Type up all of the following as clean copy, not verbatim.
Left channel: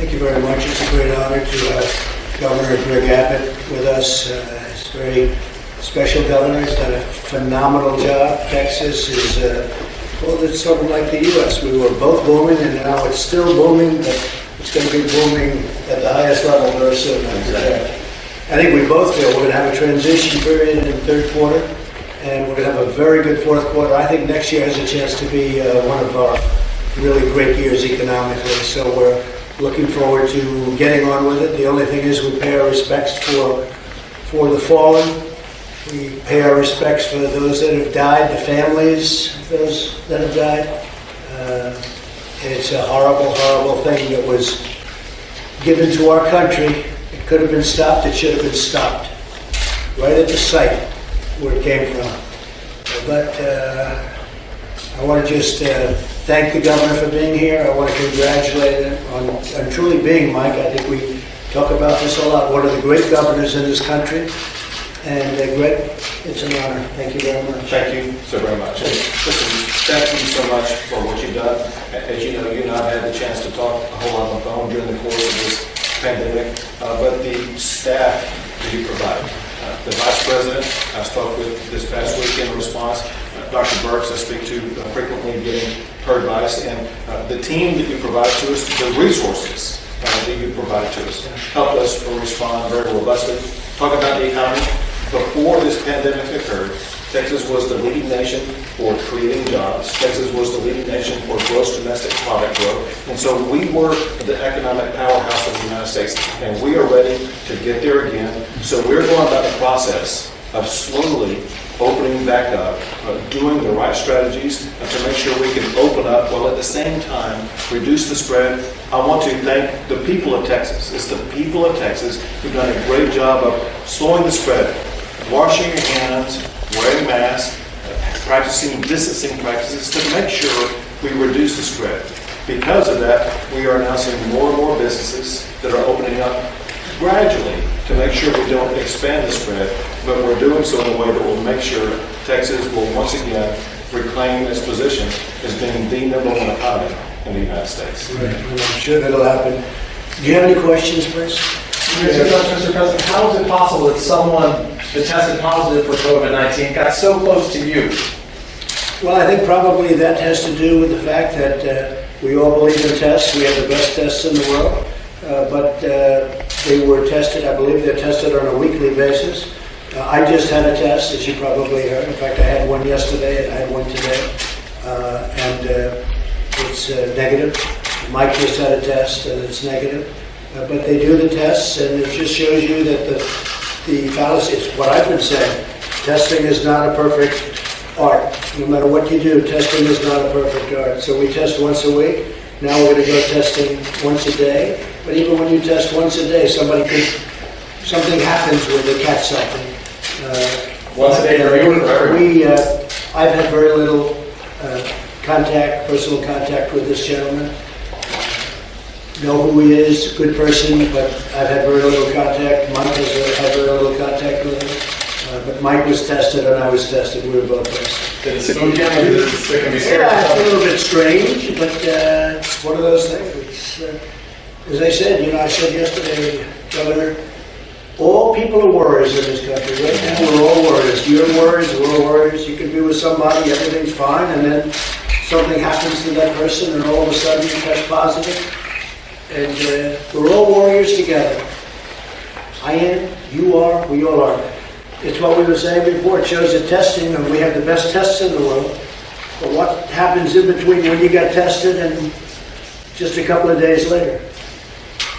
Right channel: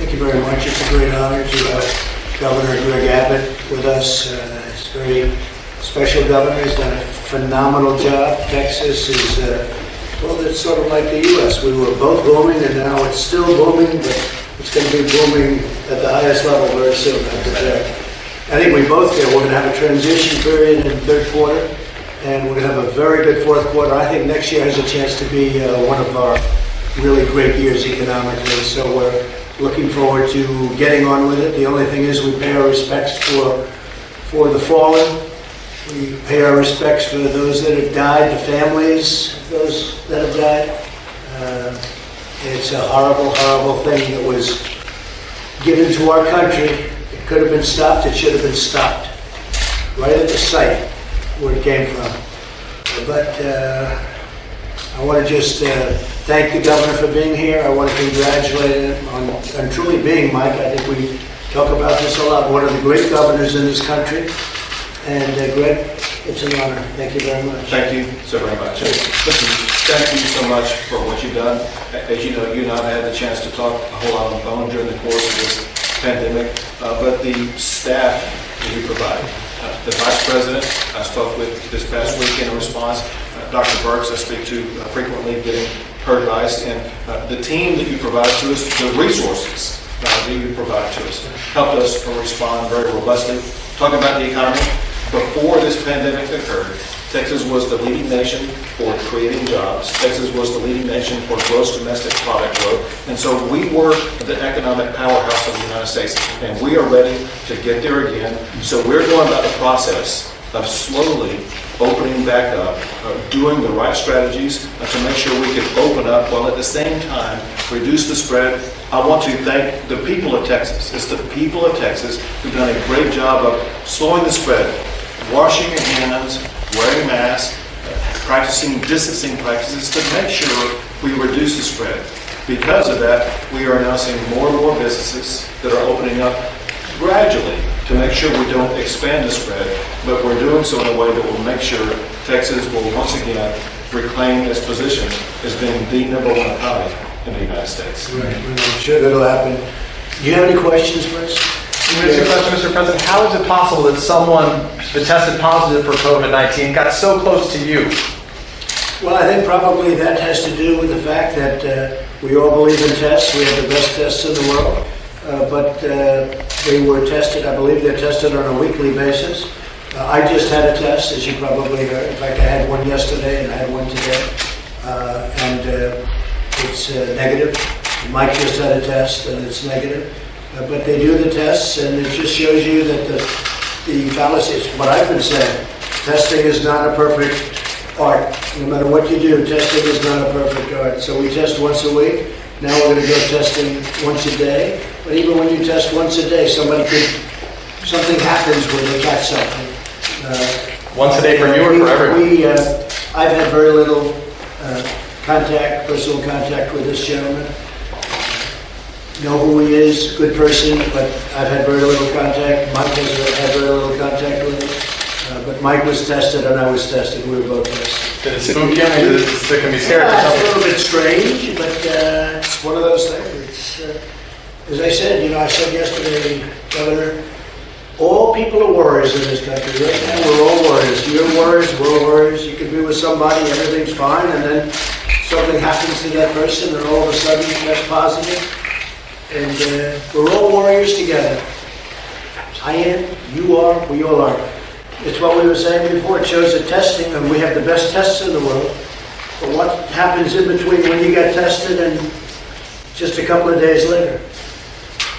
Thank you very much. It's a great honor to have Governor Greg Abbott with us. He's a very special governor. He's done a phenomenal job. Texas is, well, it's sort of like the U.S. We were both booming, and now it's still booming, but it's going to be booming at the highest level very soon, I project. I think we both feel we're going to have a transition period in the third quarter, and we're going to have a very good fourth quarter. I think next year has a chance to be one of our really great years economically, so we're looking forward to getting on with it. The only thing is we pay our respects for the fallen. We pay our respects for those that have died, the families of those that have died. It's a horrible, horrible thing that was given to our country. It could have been stopped. It should have been stopped right at the site where it came from. But I want to just thank the governor for being here. I want to congratulate him on truly being, Mike, I think we talk about this a lot, one of the great governors in this country. And Greg, it's an honor. Thank you very much. Thank you so very much. And listen, thank you so much for what you've done. As you know, you and I have had the chance to talk a whole lot on the phone during the course of this pandemic, but the staff that you provided, the Vice President I spoke with this past week in a response, Dr. Burks I speak to frequently getting her advice, and the team that you provided to us, the resources that you provided to us, helped us respond very robustly. Talk about the economy. Before this pandemic occurred, Texas was the leading nation for creating jobs. Texas was the leading nation for gross domestic product growth. And so we were the economic powerhouse of the United States, and we are ready to get there again. So we're going about the process of slowly opening back up, doing the right strategies to make sure we can open up while at the same time reduce the spread. I want to thank the people of Texas. It's the people of Texas who've done a great job of slowing the spread, washing your hands, wearing masks, practicing distancing practices to make sure we reduce the spread. Because of that, we are now seeing more and more businesses that are opening up gradually to make sure we don't expand the spread, but we're doing so in a way that will make sure Texas will once again reclaim its position as being the #1 economy in the United States. Right, and I'm sure that'll happen. Do you have any questions, please? Let me ask you a question, Mr. President. How is it possible that someone that tested positive for COVID-19 got so close to you? Well, I think probably that has to do with the fact that we all believe in tests. We have the best tests in the world, but they were tested, I believe they're tested on a weekly basis. I just had a test, as you probably heard. In fact, I had one yesterday and I had one today, and it's negative. Mike just had a test and it's negative. But they do the tests, and it just shows you that the fallacy, it's what I've been saying, testing is not a perfect art. No matter what you do, testing is not a perfect art. So we test once a week. Now we're going to go testing once a day. But even when you test once a day, something happens where they catch something. Once a day for you or for everyone? I've had very little personal contact with this gentleman. Know who he is, good person, but I've had very little contact. Mike has had very little contact with him. But Mike was tested and I was tested. We were both tested. Did it spook you? Can be scary? Yeah, it's a little bit strange, but it's one of those things. It's, as I said, I said yesterday, Governor, all people are worriers in this country. Right now, we're all worriers. You're worriers, we're worriers. You can be with somebody, everything's fine, and then something happens to that person, and all of a sudden, you test positive. And we're all warriors together. I am, you are, we all are. It's what we were saying before. It shows that testing, and we have the best tests in the world. But what happens in between when you got tested and just a couple of days later?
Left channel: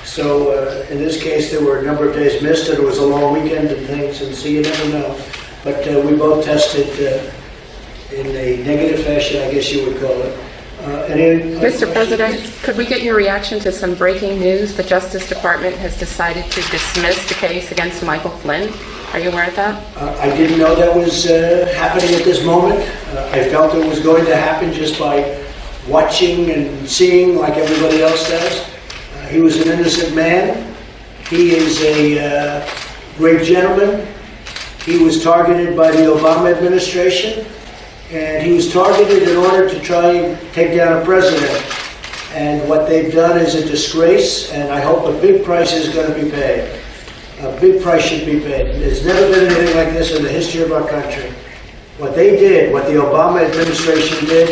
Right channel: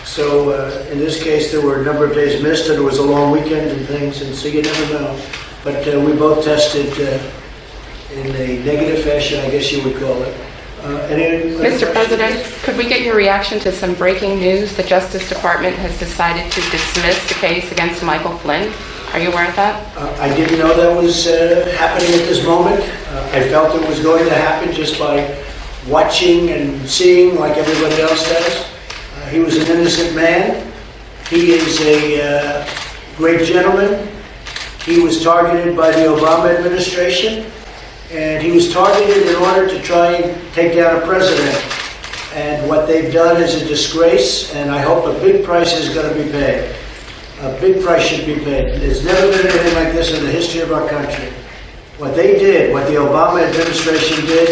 So in this case, there were a number of days missed, and it was a long weekend and things, and so you never know. But we both tested in a negative fashion, I guess you would call it. Any other Mr. questions? President, could we get your reaction to some breaking news? The Justice Department has decided to dismiss the case against Michael Flynn. Are you aware of that? I didn't know that was happening at this moment. I felt it was going to happen just by watching and seeing like everybody else does. He was an innocent man. He is a great gentleman. He was targeted by the Obama administration, and he was targeted in order to try and take down a president. And what they've done is a disgrace, and I hope a big price is going to be paid. A big price should be paid. There's never been anything like this in the history of our country. What they did, what the Obama administration did,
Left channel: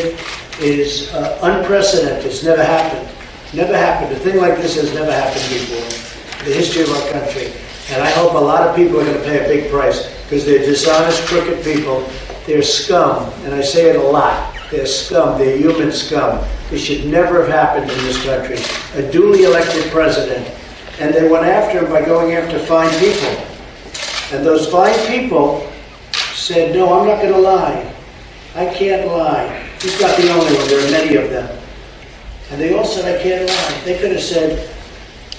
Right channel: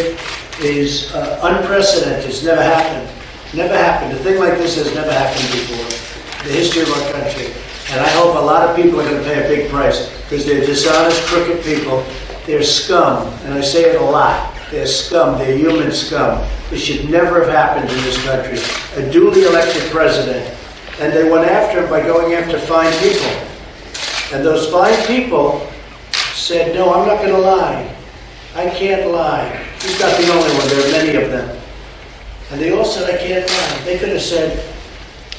is unprecedented. It's never happened. Never happened. A thing like this has never happened before in the history of our country. And I hope a lot of people are going to pay a big price because they're dishonest, crooked people. They're scum, and I say it a lot. They're scum. They're human scum. This should never have happened in this country. A duly elected president. And they went after him by going after fine people. And those fine people said, no, I'm not going to lie. I can't lie. He's not the only one. There are many of them. And they all said, I can't lie. They could have said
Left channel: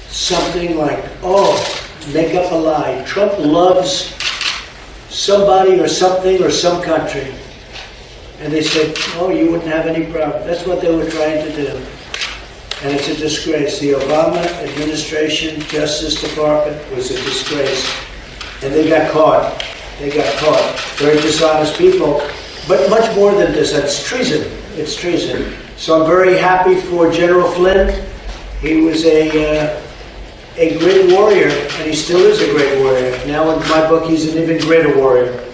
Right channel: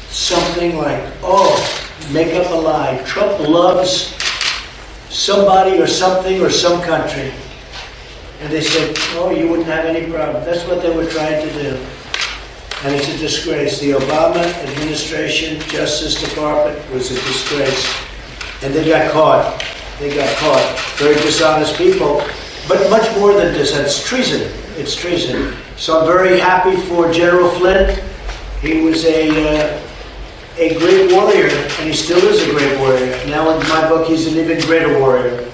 something like, oh, make up a lie. Trump loves somebody or something or some country. And they said, oh, you wouldn't have any problem. That's what they were trying to do. And it's a disgrace. The Obama administration, Justice Department was a disgrace. And they got caught. They got caught. Very dishonest people. But much more than this. It's treason. It's treason. So I'm very happy for General Flynn. He was a great warrior, and he still is a great warrior. Now in my book, he's an even greater warrior.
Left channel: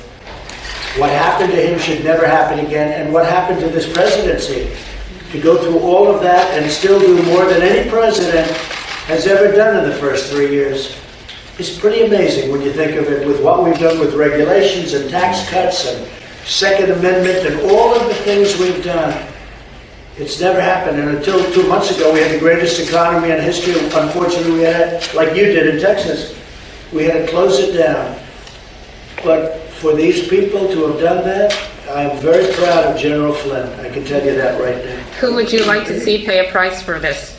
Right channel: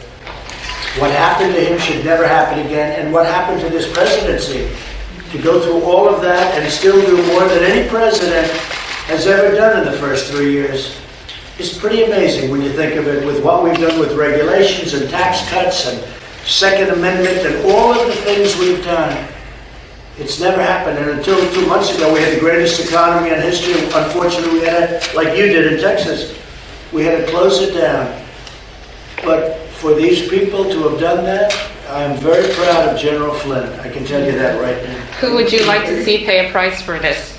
What happened to him should never happen again. And what happened to this presidency? To go through all of that and still do more than any president has ever done in the first 3 years. It's pretty amazing when you think of it, with what we've done with regulations and tax cuts and Second Amendment and all of the things we've done. It's never happened. And until 2 months ago, we had the greatest economy in history. Unfortunately, we had to, like you did in Texas, we had to close it down. But for these people to have done that, I'm very proud of General Flynn. I can tell you that right now. Who would you like to see pay a price for this?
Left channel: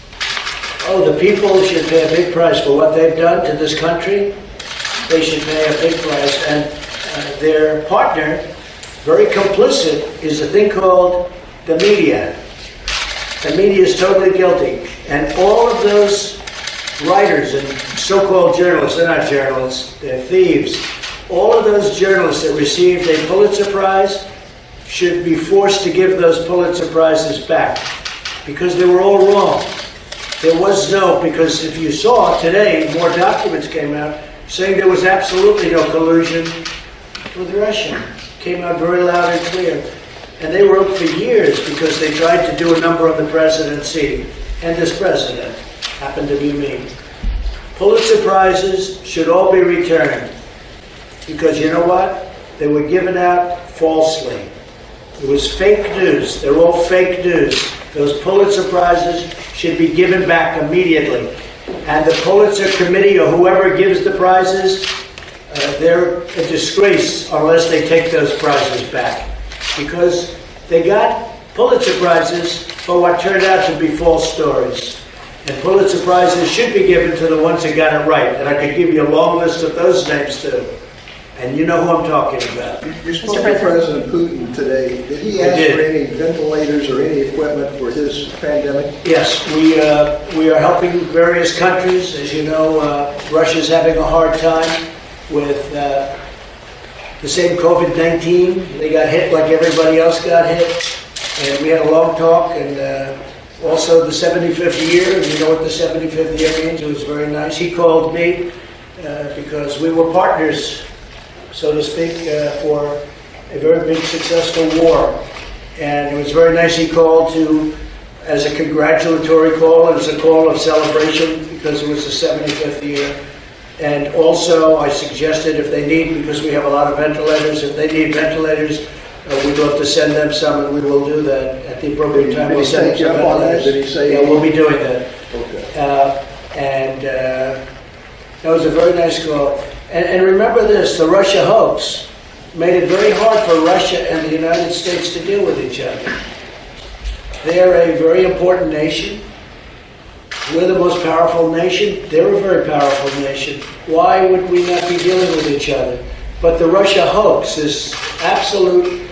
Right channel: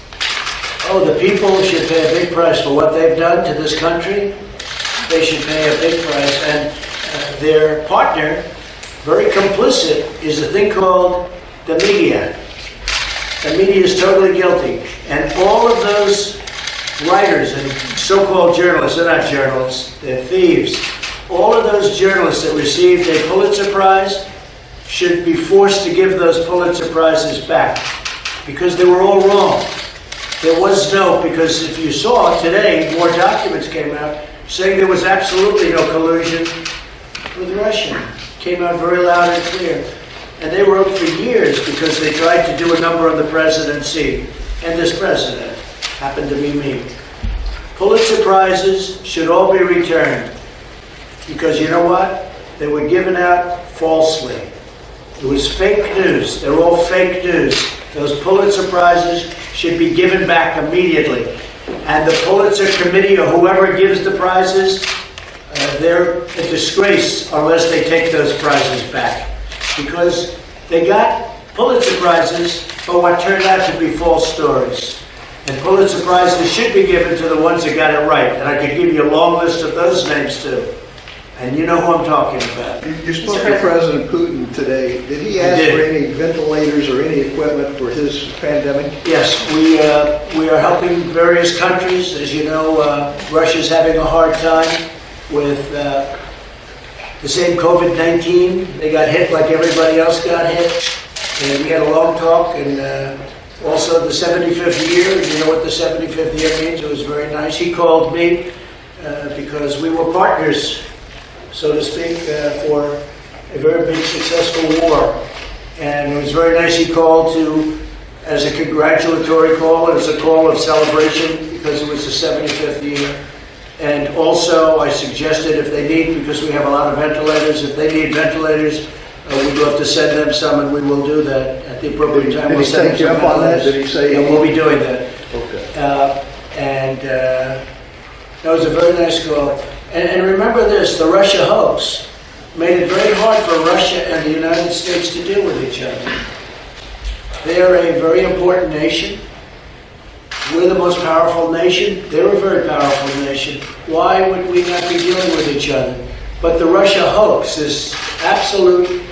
Oh, the people should pay a big price for what they've done to this country. They should pay a big price. And their partner, very complicit, is a thing called the media. The media is totally guilty. And all of those writers and so-called journalists, they're not journalists, they're thieves. All of those journalists that received a Pulitzer Prize should be forced to give those Pulitzer Prizes back because they were all wrong. There was no, because if you saw today, more documents came out saying there was absolutely no collusion with Russia. Came out very loud and clear. And they wrote for years because they tried to do a number on the presidency. And this president happened to be me. Pulitzer Prizes should all be returned because you know what? They were given out falsely. It was fake news. They're all fake news. Those Pulitzer Prizes should be given back immediately. And the Pulitzer Committee or whoever gives the prizes, they're a disgrace unless they take those prizes back. Because they got Pulitzer Prizes for what turned out to be false stories. And Pulitzer Prizes should be given to the ones that got it right. And I could give you a long list of those names too. And you know who I'm talking about. You spoke to President Putin today. Did he ask did. for any ventilators or any equipment for this pandemic? Yes, we are helping various countries. As you know, Russia's having a hard time with the same COVID-19. They got hit like everybody else got hit. And we had a long talk, and also the 75th year, and you know what the 75th year means. It was very nice. He called me because we were partners, so to speak, for a very big successful war. And it was very nice. He called as a congratulatory call and as a call of celebration because it was the 75th year. And also I suggested if they need, because we have a lot of ventilators, if they need ventilators, we'd love to send them some, and we will do that. At the appropriate time, we'll send them some ventilators. Yeah, we'll be doing that. That was a very nice call. And remember this, the Russia hoax made it very hard for Russia and the United States to deal with each other. They are a very important nation. We're the most powerful nation. They're a very powerful nation. Why would we not be dealing with each other? But the Russia hoax, this absolute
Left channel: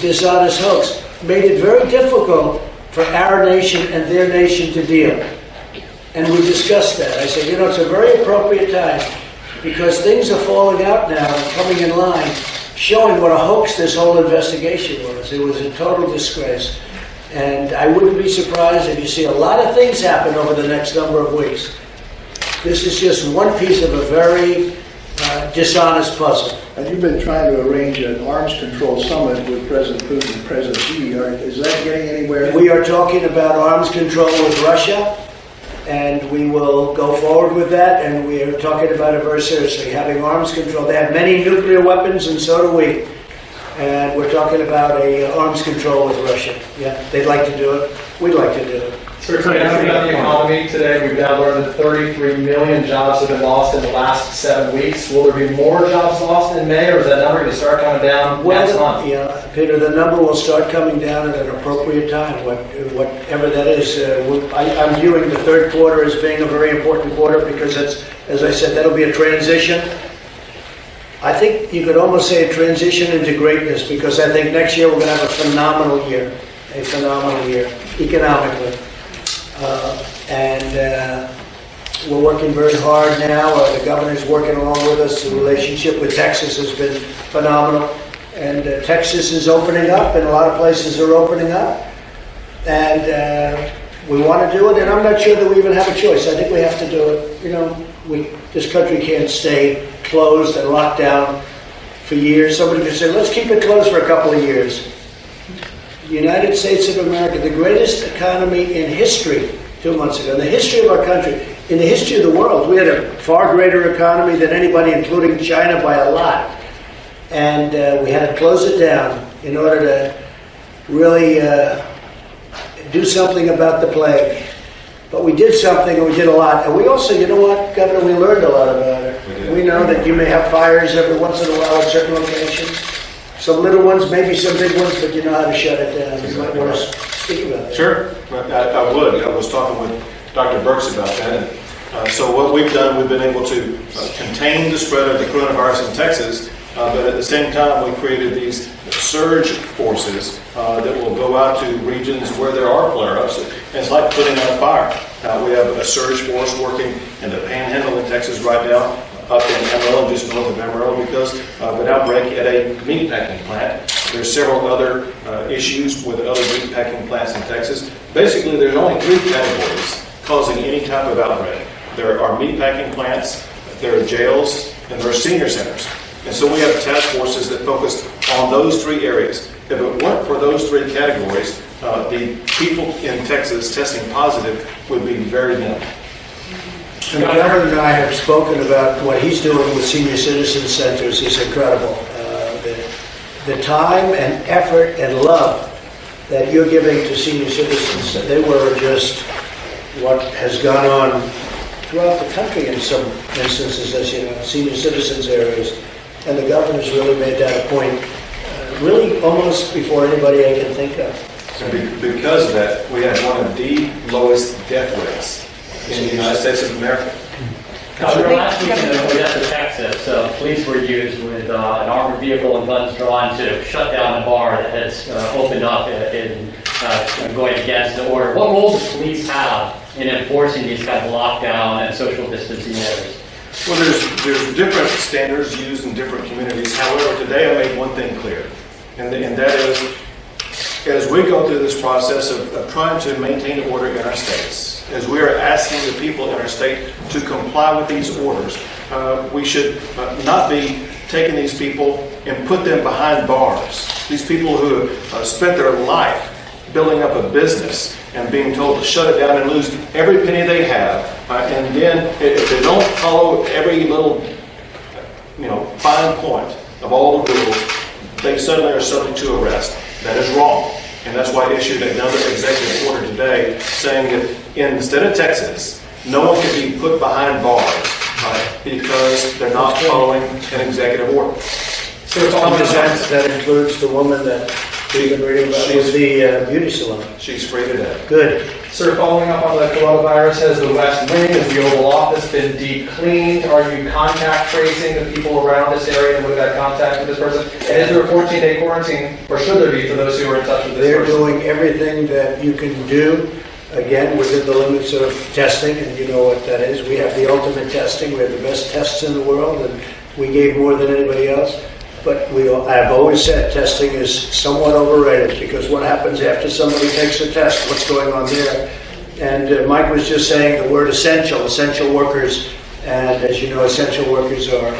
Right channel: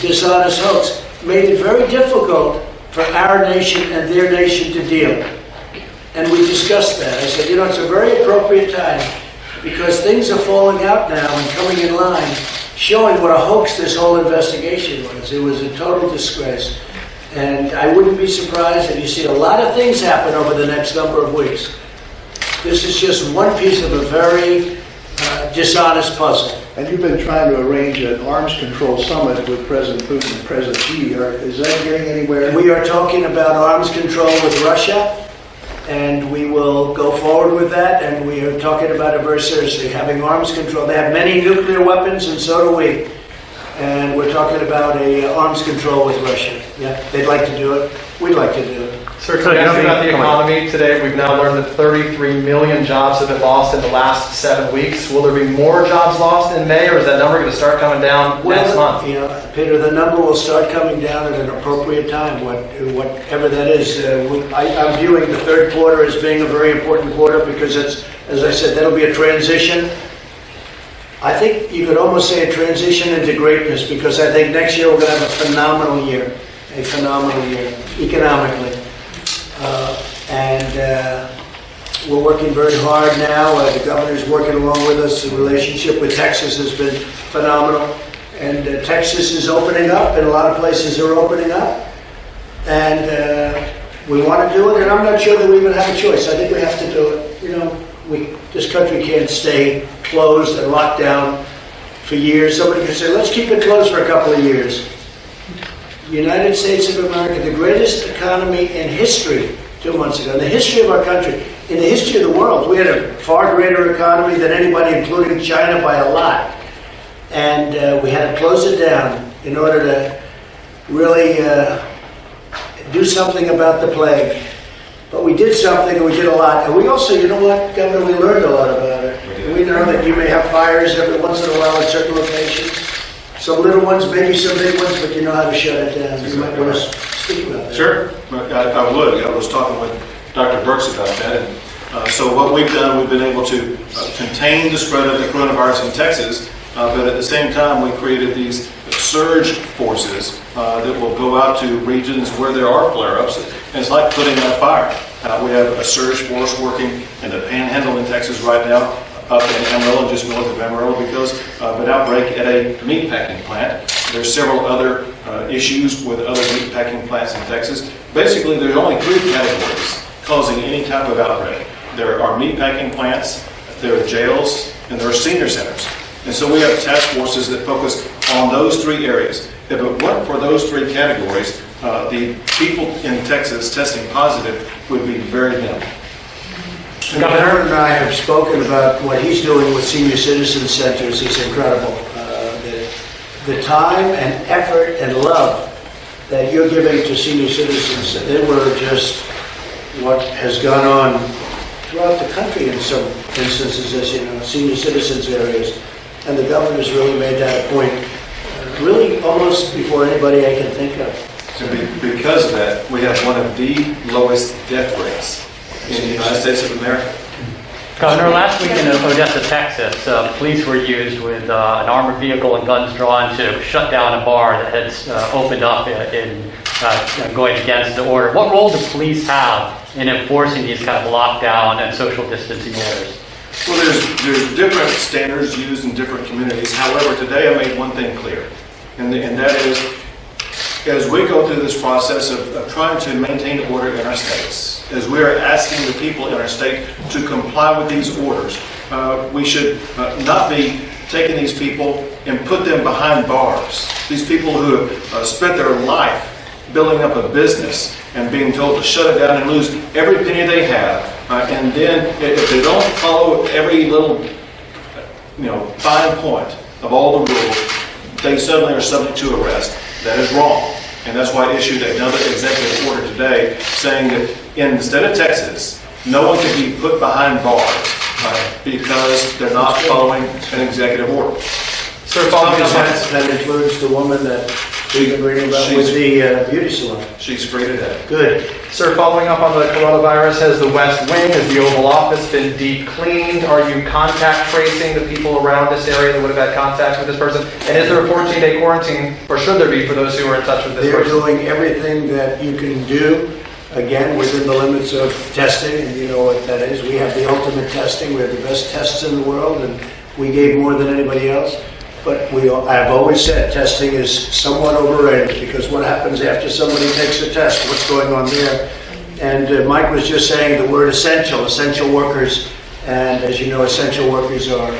dishonest hoax, made it very difficult for our nation and their nation to deal. And we discussed that. I said, it's a very appropriate time because things are falling out now and coming in line, showing what a hoax this whole investigation was. It was a total disgrace. And I wouldn't be surprised if you see a lot of things happen over the next number of weeks. This is just one piece of a very dishonest puzzle. And you've been trying to arrange an arms control summit with President Putin and President Xi. Is that getting anywhere? We are talking about arms control with Russia, and we will go forward with that, and we are talking about it very seriously, having arms control. They have many nuclear weapons, and so do we. And we're talking about arms control with Russia. Yeah, they'd like to do it. We'd like to do it. Sir, can I ask you about the economy today? We've now learned that 33 million jobs have been lost in the last 7 weeks. Will there be more jobs lost in May, or is that number going to start coming down next month? Yeah, Peter, the number will start coming down at an appropriate time, whatever that is. I'm viewing the third quarter as being a very important quarter because it's, as I said, that'll be a transition. I think you could almost say a transition into greatness, because I think next year we're going to have a phenomenal year economically. We're working very hard now. The governor's working along with us. The relationship with Texas has been phenomenal. And Texas is opening up, and a lot of places are opening up. And we want to do it, and I'm not sure that we even have a choice. I think we have to do it. You know, this country can't stay closed and locked down for years. Somebody could say, let's keep it closed for a couple of years. The United States of America, the greatest economy in history 2 months ago, in the history of our country, in the history of the world. We had a far greater economy than anybody, including China, by a lot. And we had to close it down in order to really do something about the plague. But we did something, and we did a lot. And we also, you know what, Governor, we learned a lot about it. We did. We know that you may have fires every once in a while at certain locations. Some little ones, maybe some big ones, but you know how to shut it down. You might want to speak about that. Sure, I would. I was talking with Dr. Burks about that. And so what we've done, we've been able to contain the spread of the coronavirus in Texas, but at the same time, we created these surge forces that will go out to regions where there are flare-ups. And it's like putting out a fire. We have a surge force working in the Panhandle in Texas right now, up in Amarillo, just north of Amarillo, because of an outbreak at a meatpacking plant. There's several other issues with other meatpacking plants in Texas. Basically, there's only 3 categories causing any type of outbreak. There are meatpacking plants, there are jails, and there are senior centers. And so we have task forces that focus on those 3 areas. If it weren't for those 3 categories, the people in Texas testing positive would be very minimal. And the governor and I have spoken about what he's doing with senior citizen centers is incredible. The time and effort and love that you're giving to senior citizens, they were just what has gone on throughout the country in some instances, as you know, senior citizens areas. And the governor's really made that a point, really almost before anybody I can think of. And because of that, we have one of the lowest death rates in the United States of America. Governor, last week in Odessa, Texas, police were used with an armored vehicle and guns drawn to shut down a bar that had opened up in going against the order. What role do police have in enforcing these kind of lockdown and social distancing orders? Well, there's different standards used in different communities. However, today I made one thing clear, and that is, as we go through this process of trying to maintain order in our states, as we are asking the people in our state to comply with these orders, we should not be taking these people and put them behind bars. These people who have spent their life building up a business and being told to shut it down and lose every penny they have, and then if they don't follow every little fine point of all the rules, they suddenly are subject to arrest. That is wrong. And that's why I issued another executive order today saying that in the state of Texas, no one can be put behind bars because they're not following an executive order. Sir, That includes the woman that we've been reading about with the beauty salon. She's free today. Good. Sir, following up on the coronavirus, has the West Wing, has the Oval Office been deep cleaned? Are you contact tracing the people around this area that would have had contact with this person? And is there a 14-day quarantine, or should there be, for those who are in touch with this They're person? doing everything that you can do, again, within the limits of testing, and you know what that is. We have the ultimate testing. We have the best tests in the world, and we gave more than anybody else. But I've always said testing is somewhat overrated, because what happens after somebody takes a test? What's going on there? And Mike was just saying the word essential workers, and as you know, essential workers are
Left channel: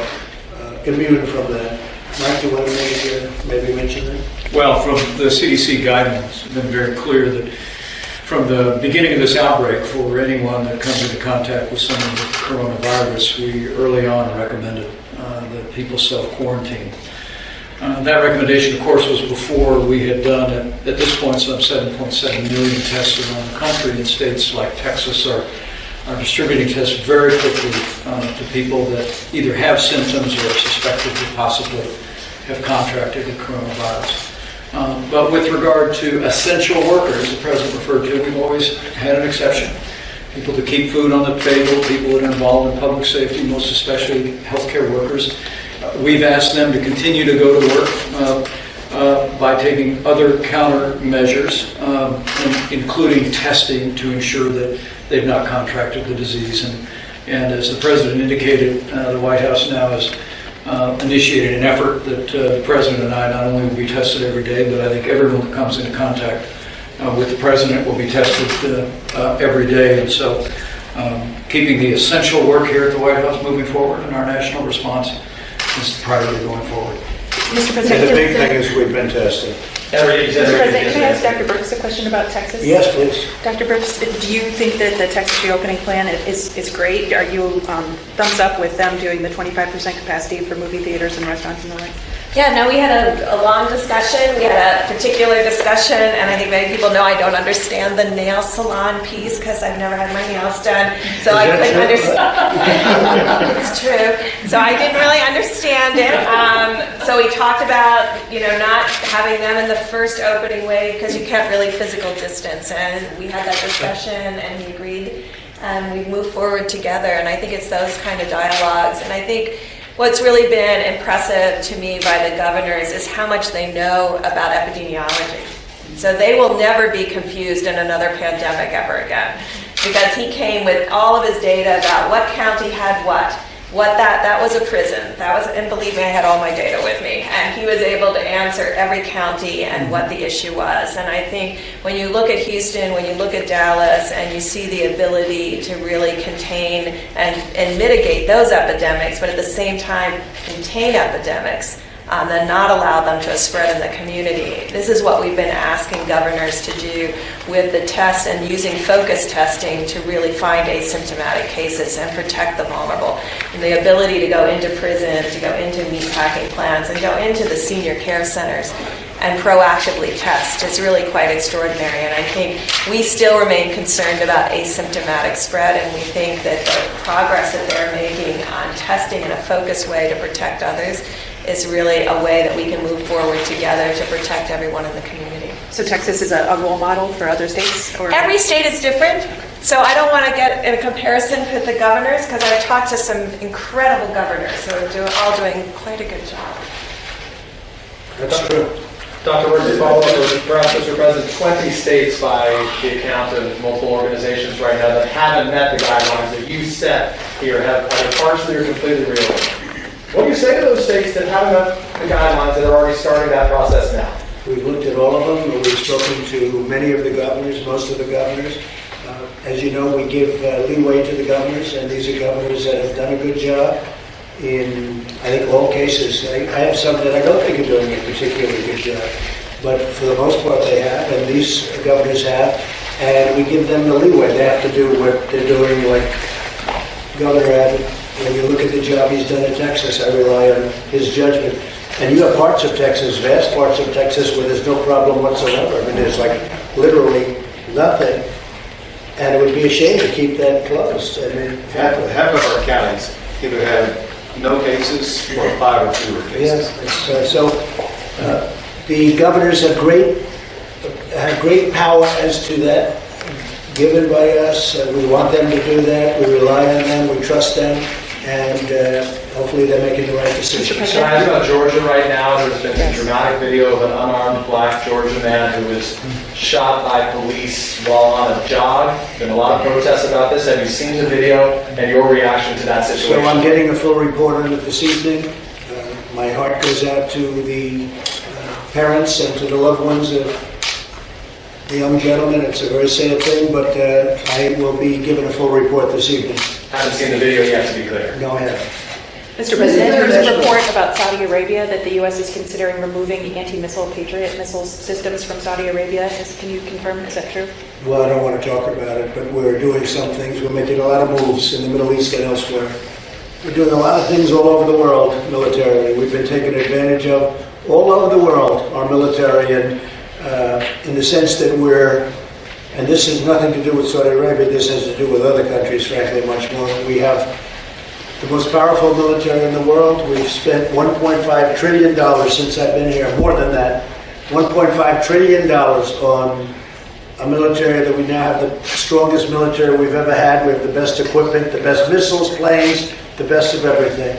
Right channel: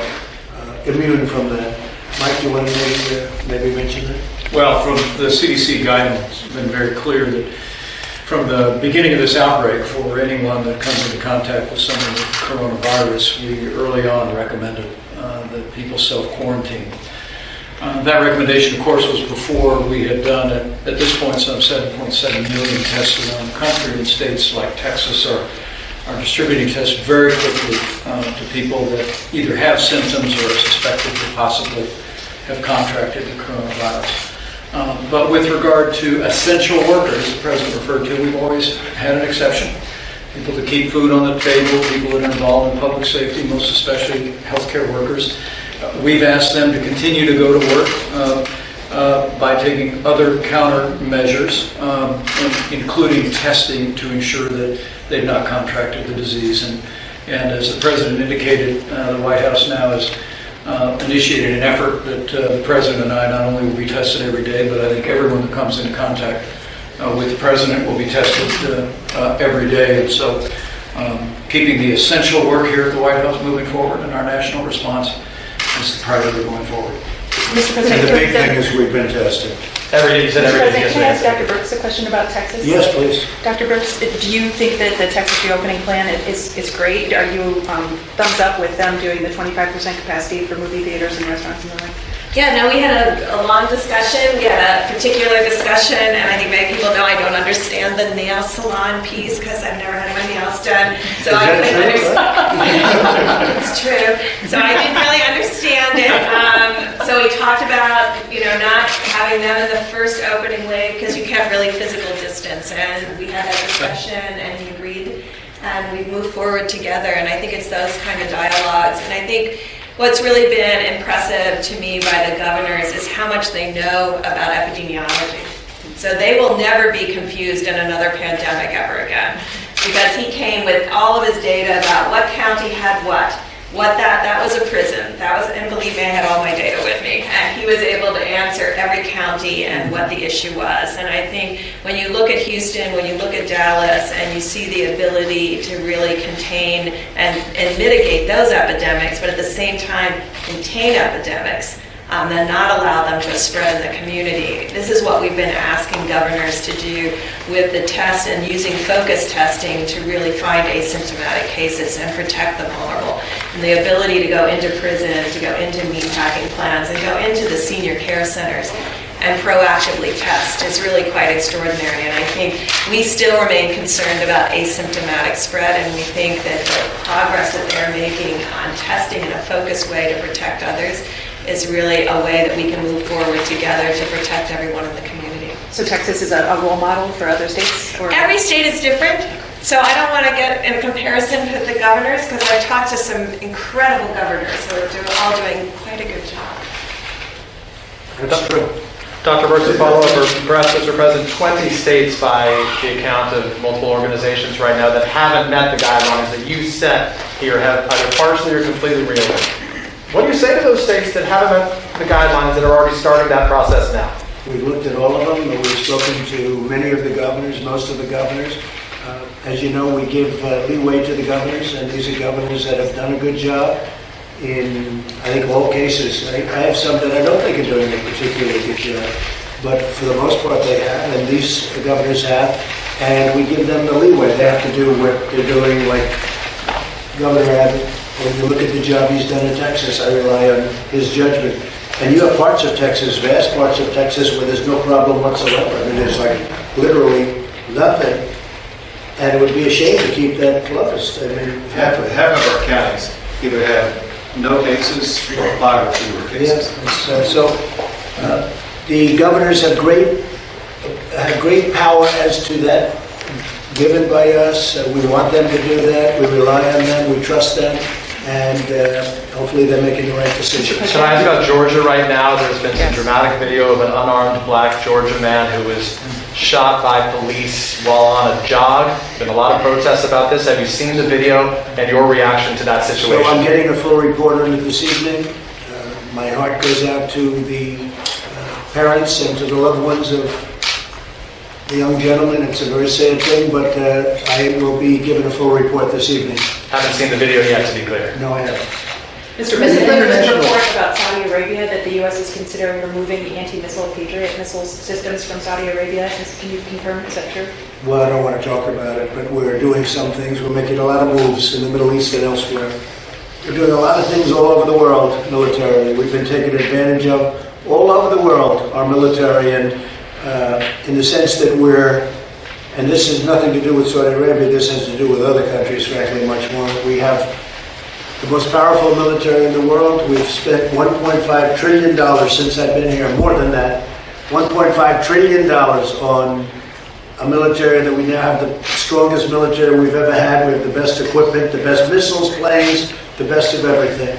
immune from that. Mike, do you want to maybe mention that? Well, from the CDC guidelines, it's been very clear that from the beginning of this outbreak, for anyone that comes into contact with someone with coronavirus, we early on recommended that people self-quarantine. That recommendation, of course, was before we had done, at this point, some 7.7 million tests around the country, and states like Texas are distributing tests very quickly to people that either have symptoms or are suspected to possibly have contracted the coronavirus. But with regard to essential workers, the President referred to, we've always had an exception. People that keep food on the table, people that are involved in public safety, most especially healthcare workers. We've asked them to continue to go to work by taking other countermeasures, including testing to ensure that they've not contracted the disease. And as the President indicated, the White House now has initiated an effort that the President and I not only will be tested every day, but I think everyone that comes into contact with the President will be tested every day. And so keeping the essential work here at the White House moving forward and our national response is the priority going forward. And the big thing is we've been tested. You said every day. Can I ask Dr. Brooks a question about Texas? Yes, please. Dr. Brooks, do you think that the Texas reopening plan is great? Are you thumbs up with them doing the 25% capacity for movie theaters and restaurants and the like? Yeah, no, we had a long discussion. We had a particular discussion, and I think many people know I don't understand the nail salon piece because I've never had my nails done. So I couldn't understand. It's true. So I didn't really understand it. So we talked about, not having them in the first opening wave because you can't really physical distance. And we had that discussion, and he agreed, and we moved forward together. And I think it's those kind of dialogues. And I think what's really been impressive to me by the governors is how much they know about epidemiology. So they will never be confused in another pandemic ever again, because he came with all of his data about what county had what that was a prison. And believe me, I had all my data with me. And he was able to answer every county and what the issue was. And I think when you look at Houston, when you look at Dallas, and you see the ability to really contain and mitigate those epidemics, but at the same time contain epidemics, and not allow them to spread in the community. This is what we've been asking governors to do with the test and using focus testing to really find asymptomatic cases and protect the vulnerable. And the ability to go into prison, to go into meatpacking plants, and go into the senior care centers and proactively test is really quite extraordinary. And I think we still remain concerned about asymptomatic spread, and we think that the progress that they're making on testing in a focused way to protect others is really a way that we can move forward together to protect everyone in the community. So Texas is a role model for other states? Every state is different. So I don't want to get in a comparison with the governors, because I've talked to some incredible governors who are all doing quite a good job. That's true. Dr. Brooks, to follow up, or perhaps, Mr. President, 20 states by the account of multiple organizations right now that haven't met the guidelines that you set here have either partially or completely reopened. What do you say to those states that haven't met the guidelines that are already starting that process now? We've looked at all of them. We've spoken to many of the governors, most of the governors. As you know, we give leeway to the governors, and these are governors that have done a good job in, I think, all cases. I have some that I don't think are doing a particularly good job, but for the most part they have, and these governors have, and we give them the leeway. They have to do what they're doing, like Governor Abbott. When you look at the job he's done in Texas, I rely on his judgment. And you have parts of Texas, vast parts of Texas, where there's no problem whatsoever. I mean, there's like literally nothing. And it would be a shame to keep that closed. I mean, Half of our counties either have no cases or 5 or fewer cases. Yeah, the governors have great power as to that given by us. We want them to do that. We rely on them. We trust them. And hopefully they're making the right decisions. Can I ask about Georgia right now? There's been some dramatic video of an unarmed black Georgia man who was shot by police while on a jog. Been a lot of protests about this. Have you seen the video and your reaction to that situation? So I'm getting a full report on it this evening. My heart goes out to the parents and to the loved ones of the young gentleman. It's a very sad thing, but I will be given a full report this evening. Haven't seen the video yet, to be clear. No, I haven't. Mr. President, there's a report about Saudi Arabia that the U.S. is considering removing the anti-missile Patriot missile systems from Saudi Arabia. Can you confirm, is that true? Well, I don't want to talk about it, but we're doing some things. We're making a lot of moves in the Middle East and elsewhere. We're doing a lot of things all over the world militarily. We've been taken advantage of all over the world, our military, and in the sense that and this has nothing to do with Saudi Arabia, this has to do with other countries, frankly, much more. We have the most powerful military in the world. We've spent $1.5 trillion since I've been here, more than that. $1.5 trillion on a military that we now have the strongest military we've ever had. We have the best equipment, the best missiles, planes, the best of everything.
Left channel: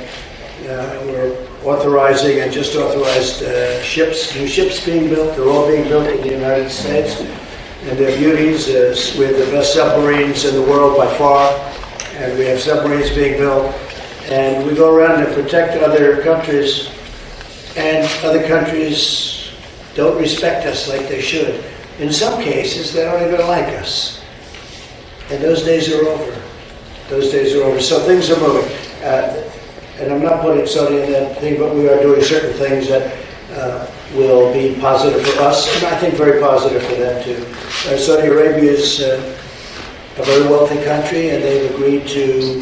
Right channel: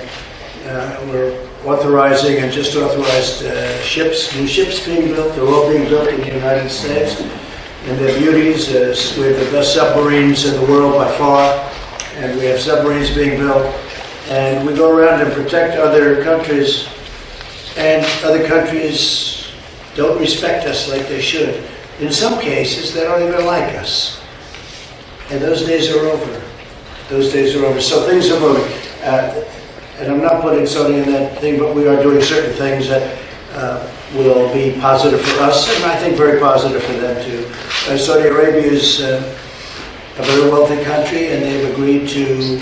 We're authorizing and just authorized ships, new ships being built. They're all being built in the United States. And their beauties is we have the best submarines in the world by far. And we have submarines being built. And we go around and protect other countries. And other countries don't respect us like they should. In some cases, they don't even like us. And those days are over. Those days are over. So things are moving. And I'm not putting Saudi in that thing, but we are doing certain things that will be positive for us, and I think very positive for them too. Saudi Arabia is a very wealthy country, and they've agreed to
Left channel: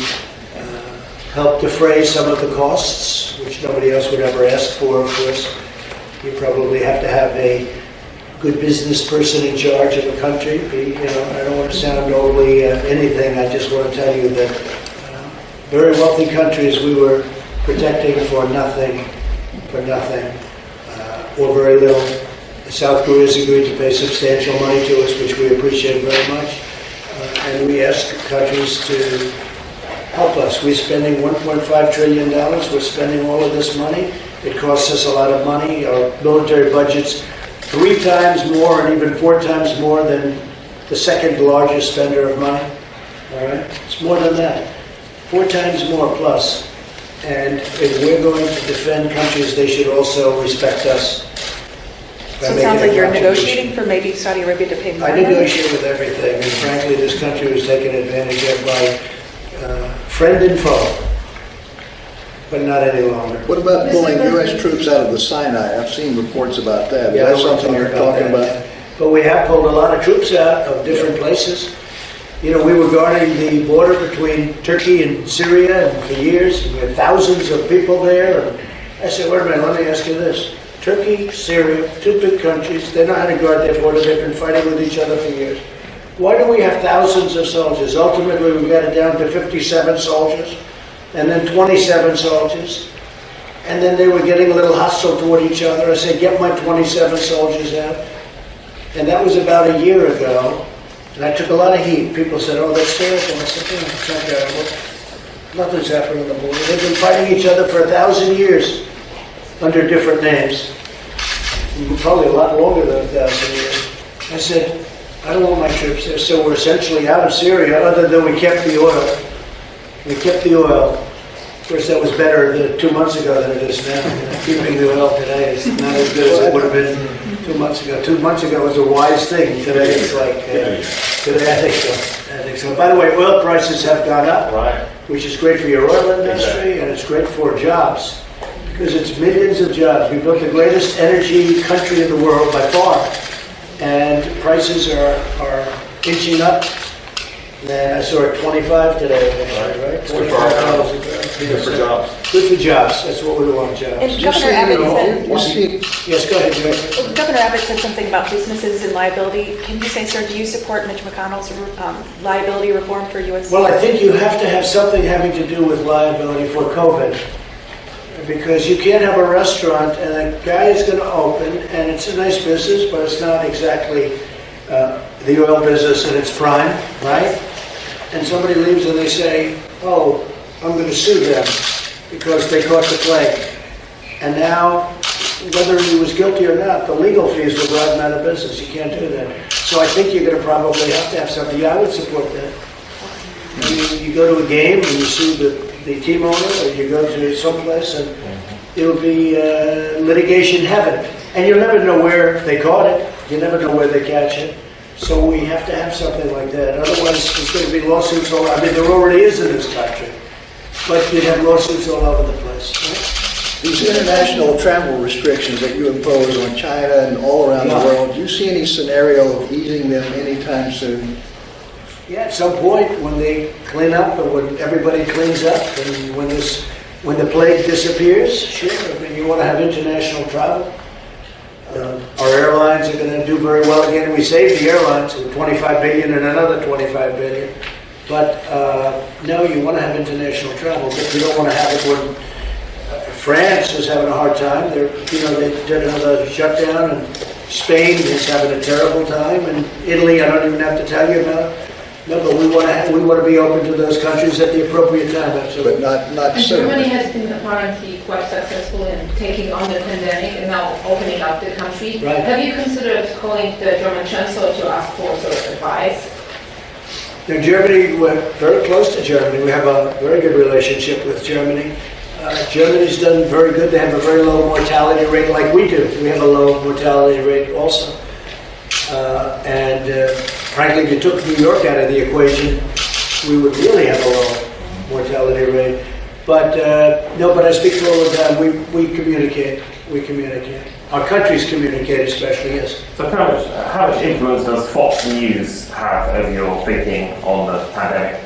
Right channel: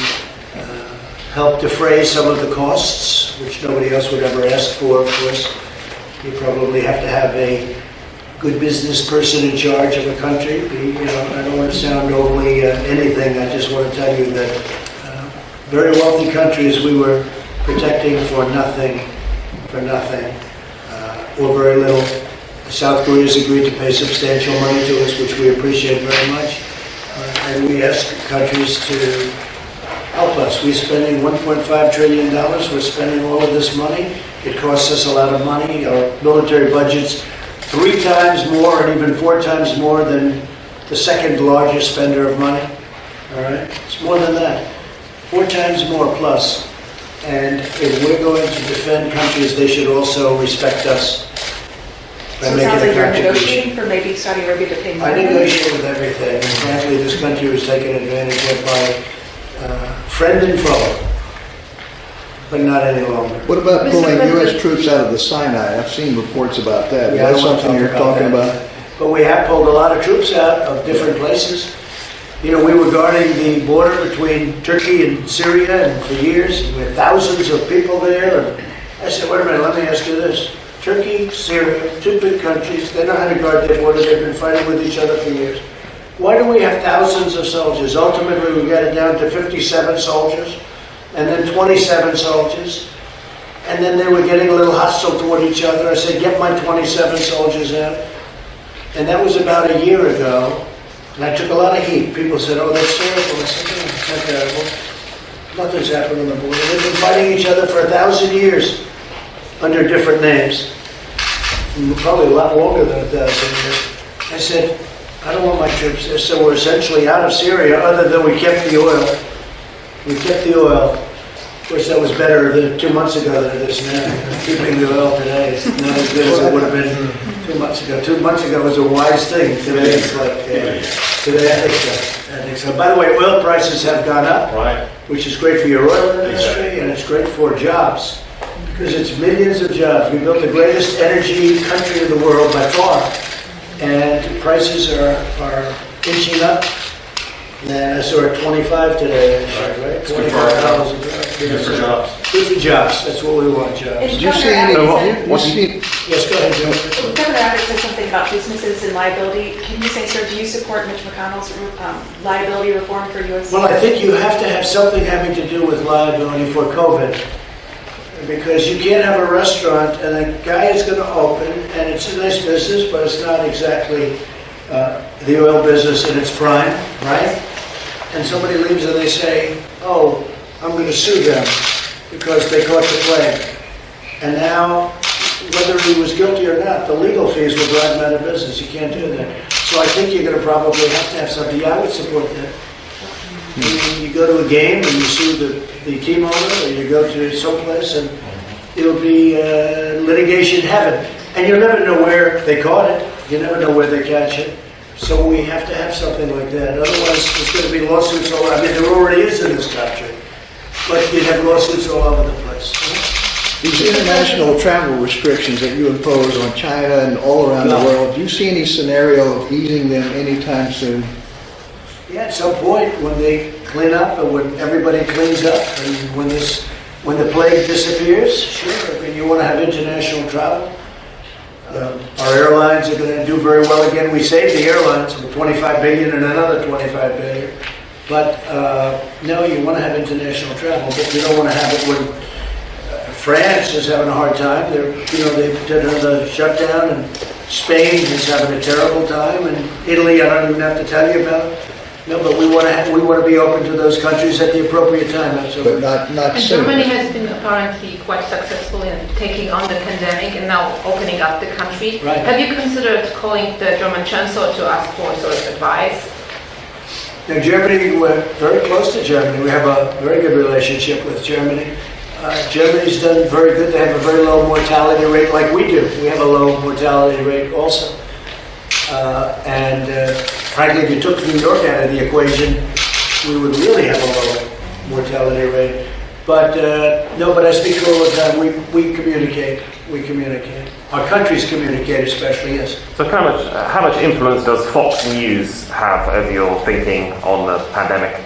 help defray some of the costs, which nobody else would ever ask for, of course. You probably have to have a good business person in charge of a country. I don't want to sound overly anything. I just want to tell you that very wealthy countries we were protecting for nothing, or very little. South Korea has agreed to pay substantial money to us, which we appreciate very much. And we ask countries to help us. We're spending $1.5 trillion. We're spending all of this money. It costs us a lot of money. Our military budget's 3 times more and even 4 times more than the second largest spender of money. All right? It's more than that. 4 times more plus. And if we're going to defend countries, they should also respect us by making a contribution. For maybe Saudi Arabia to pay more? I negotiate with everything, and frankly, this country was taken advantage of by friend and foe, but not any longer. What about pulling U.S. troops out of the Sinai? I've seen reports about that. Yeah, I don't want to talk You're about talking that. But we have pulled a lot of troops out of different places. We were guarding the border between Turkey and Syria, and for years, we had thousands of people there. And I said, wait a minute, let me ask you this. Turkey, Syria, 2 big countries, they know how to guard their border. They've been fighting with each other for years. Why do we have thousands of soldiers? Ultimately, we got it down to 57 soldiers, and then 27 soldiers. And then they were getting a little hostile toward each other. I said, get my 27 soldiers out. And that was about a year ago. And I took a lot of heat. People said, oh, that's terrible. I said, no, it's not terrible. Nothing's happened on the border. They've been fighting each other for 1,000 years under different names. Probably a lot longer than 1,000 years. I said, I don't want my troops there. So we're essentially out of Syria, other than we kept the oil. We kept the oil. Of course, that was better 2 months ago than it is now. Keeping the oil today is not as good as it would have been 2 months ago. 2 months ago was a wise thing. Today it's like, today I think so. I think so. By the way, oil prices have gone up, Right. which is great for your oil industry, and it's great for jobs, because it's millions of jobs. We built the greatest energy country in the world by far, and prices are inching up. And I saw it 25 today, actually, right? It's good for our $25 a barrel. Good for jobs. Good for jobs. That's what we want, jobs. And Governor Abbott Yes, go ahead, John. Governor Abbott said something about businesses and liability. Can you say, sir, do you support Mitch McConnell's liability reform for U.S.? Well, I think you have to have something having to do with liability for COVID, because you can't have a restaurant and a guy is going to open, and it's a nice business, but it's not exactly the oil business in its prime, right? And somebody leaves and they say, oh, I'm going to sue them because they caught the plague. And now, whether he was guilty or not, the legal fees will drive him out of business. You can't do that. So I think you're going to probably have to have something. Yeah, I would support that. I mean, you go to a game and you sue the team owner, or you go to someplace and it'll be litigation heaven. And you'll never know where they caught it. You never know where they catch it. So we have to have something like that. Otherwise, there's going to be lawsuits all. I mean, there already is in this country, but you'd have lawsuits all over the place. Right? These international travel restrictions that you impose on China and all around the world, do you see any scenario of easing them anytime soon? Yeah, at some point when they clean up and when everybody cleans up and when the plague disappears, sure. I mean, you want to have international travel. Our airlines are going to do very well again. We saved the airlines with $25 billion and another $25 billion. But no, you want to have international travel, but you don't want to have it when France is having a hard time. They've done another shutdown, and Spain is having a terrible time, and Italy, I don't even have to tell you about. No, but we want to be open to those countries at the appropriate time. Absolutely. Not And soon. Germany has been apparently quite successful in taking on the pandemic and now opening up the country. Right. Have you considered calling the German Chancellor to ask for sort of advice? Now, Germany, we're very close to Germany. We have a very good relationship with Germany. Germany's done very good. They have a very low mortality rate, like we do. We have a low mortality rate also. Frankly, if you took New York out of the equation, we would really have a low mortality rate. But I speak to all the time. We communicate. We communicate. Our countries communicate, especially, yes. So how much influence does Fox News have over your thinking on the pandemic?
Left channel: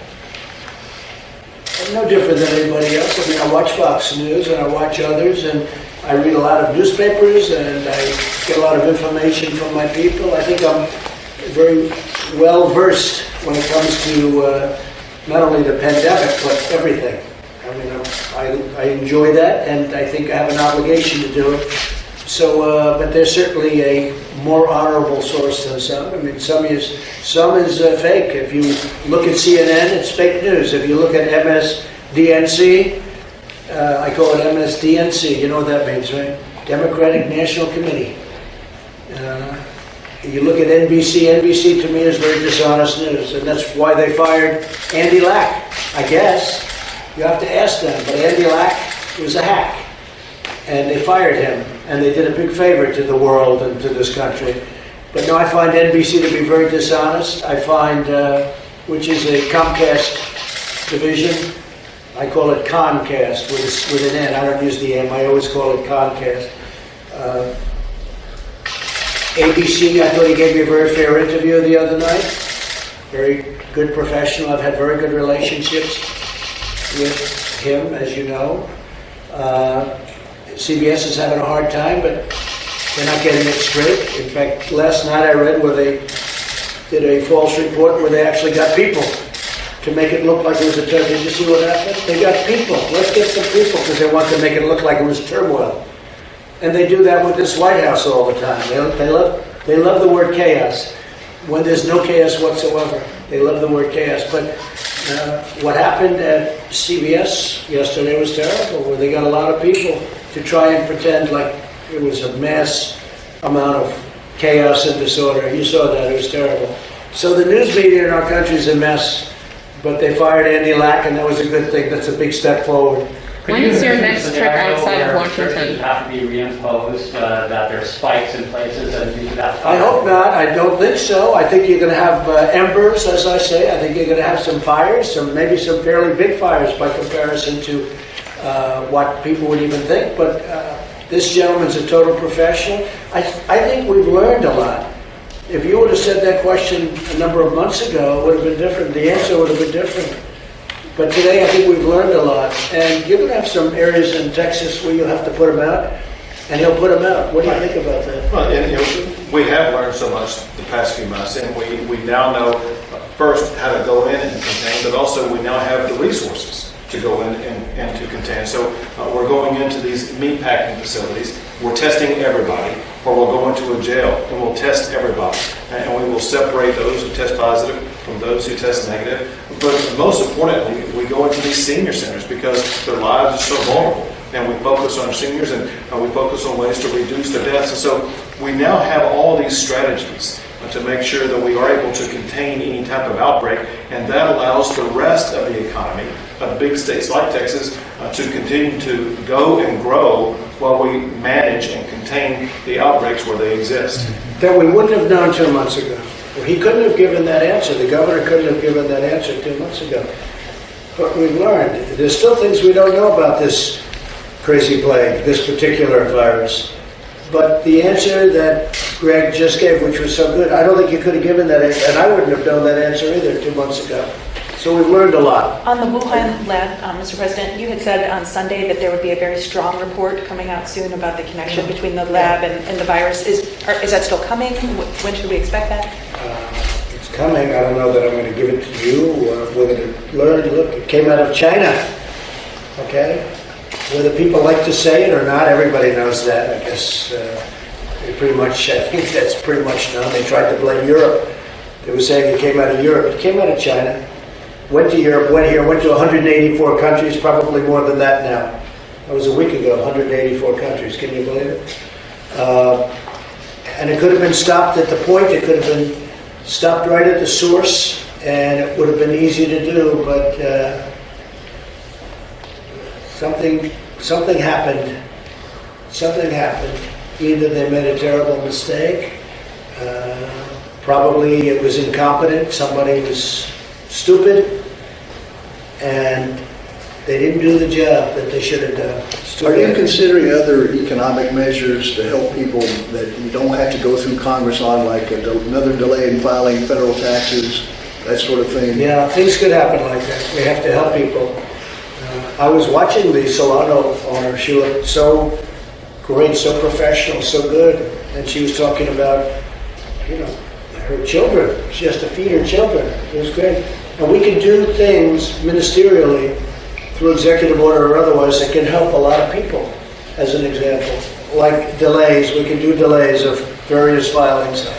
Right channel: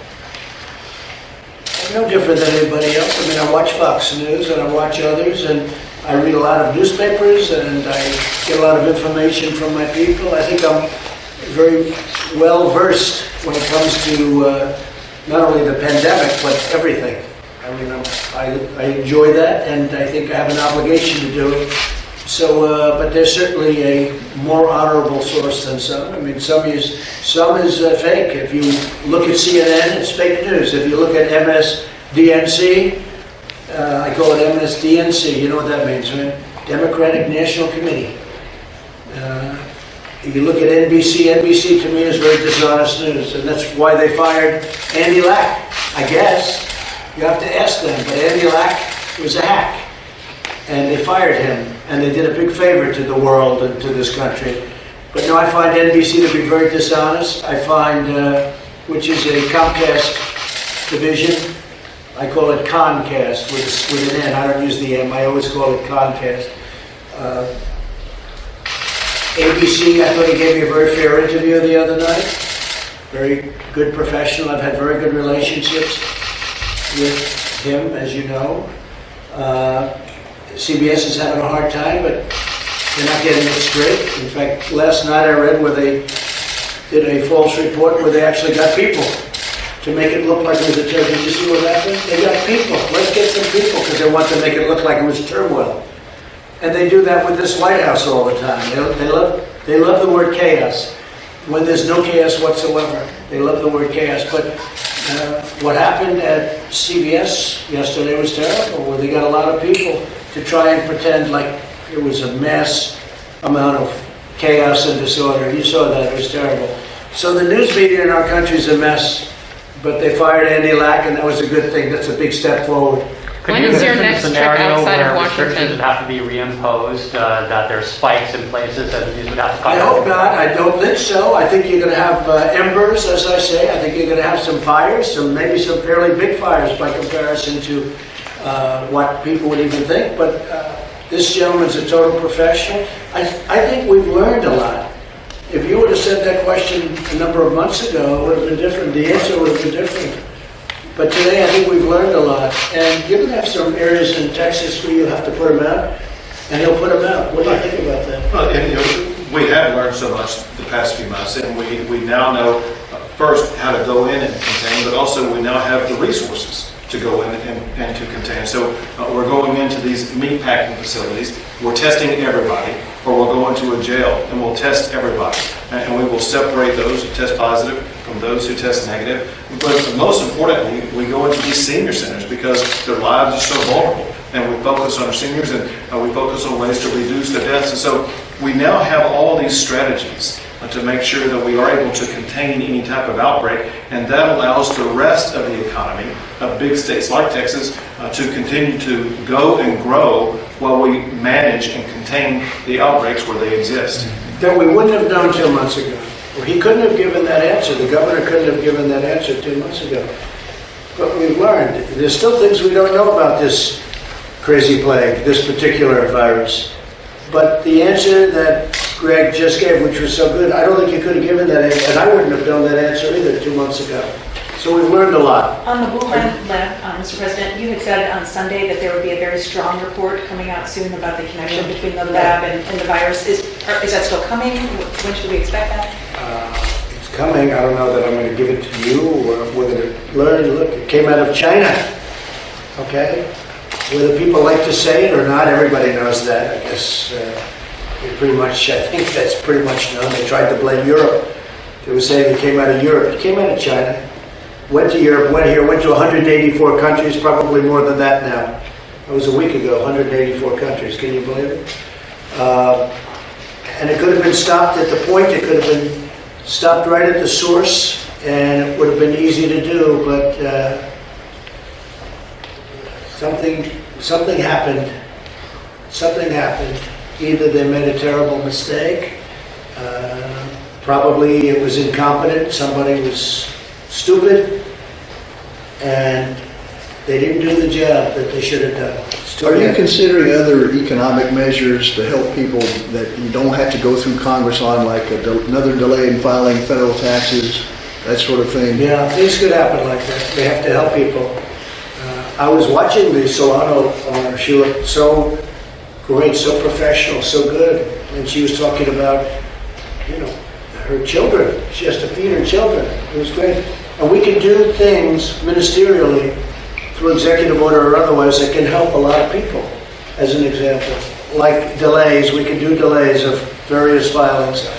I'm no different than anybody else. I mean, I watch Fox News and I watch others, and I read a lot of newspapers, and I get a lot of information from my people. I think I'm very well versed when it comes to not only the pandemic, but everything. I mean, I enjoy that, and I think I have an obligation to do it. So, but there's certainly a more honorable source than some. I mean, some is fake. If you look at CNN, it's fake news. If you look at MSDNC, I call it MSDNC. You know what that means, right? Democratic National Committee. You look at NBC. NBC to me is very dishonest news, and that's why they fired Andy Lack. I guess you have to ask them. But Andy Lack was a hack. And they fired him, and they did a big favor to the world and to this country. But no, I find NBC to be very dishonest. I find, which is a Comcast division, I call it Concast with an N. I don't use the M. I always call it Concast. ABC, I thought he gave me a very fair interview the other night. Very good professional. I've had very good relationships with him, as you know. CBS is having a hard time, but they're not getting it straight. In fact, last night I read where they did a false report where they actually got people to make it look like it was a turmoil. Did you see what happened? They got people. Let's get some people because they want to make it look like it was turmoil. And they do that with this White House all the time. They love the word chaos when there's no chaos whatsoever. They love the word chaos. But what happened at CBS yesterday was terrible, where they got a lot of people to try and pretend like it was a mass amount of chaos and disorder. You saw that. It was terrible. So the news media in our country is a mess, but they fired Andy Lack, and that was a good thing. That's a big step forward. Could you envision a scenario where restrictions would have to be reimposed, that there's spikes in places and these would have to... I hope not. I don't think so. I think you're going to have embers, as I say. I think you're going to have some fires, maybe some fairly big fires by comparison to what people would even think. But this gentleman's a total professional. I think we've learned a lot. If you would have said that question a number of months ago, it would have been different. The answer would have been different. But today, I think we've learned a lot. And you're going to have some areas in Texas where you'll have to put him out, and he'll put them out. What do you think about that? Well, and we have learned so much the past few months, and we now know first how to go in and contain, but also we now have the resources to go in and to contain. So we're going into these meat packing facilities, we're testing everybody, or we'll go into a jail and we'll test everybody. And we will separate those who test positive from those who test negative. But most importantly, we go into these senior centers because their lives are so vulnerable. And we focus on our seniors, and we focus on ways to reduce their deaths. And so we now have all these strategies to make sure that we are able to contain any type of outbreak, and that allows the rest of the economy of big states like Texas to continue to go and grow while we manage and contain the outbreaks where they exist. That we wouldn't have known 2 months ago. Well, he couldn't have given that answer. The governor couldn't have given that answer 2 months ago. But we've learned. There's still things we don't know about this crazy plague, this particular virus. But the answer that Greg just gave, which was so good, I don't think you could have given that answer, and I wouldn't have known that answer either 2 months ago. So we've learned a lot. On the Wuhan lab, Mr. President, you had said on Sunday that there would be a very strong report coming out soon about the connection between the lab and the virus. Is that still coming? When should we expect that? It's coming. I don't know that I'm going to give it to you. We're going to learn. Look, it came out of China. Okay? Whether people like to say it or not, everybody knows that. I guess pretty much, I think that's pretty much known. They tried to blame Europe. They were saying it came out of Europe. It came out of China. Went to Europe, went here, went to 184 countries, probably more than that now. That was a week ago, 184 countries. Can you believe it? And it could have been stopped at the point. It could have been stopped right at the source, and it would have been easy to do, but something happened. Something happened. Either they made a terrible mistake, probably it was incompetent, somebody was stupid, and they didn't do the job that they should have done. It's too Are you bad. considering other economic measures to help people that you don't have to go through Congress on, like another delay in filing federal taxes, that sort of thing? Yeah, things could happen like that. We have to help people. I was watching the Solano owner. She looked so great, so professional, so good. And she was talking about, her children. She has to feed her children. It was great. And we can do things ministerially through executive order or otherwise that can help a lot of people, as an example. Like delays, we can do delays of various filings.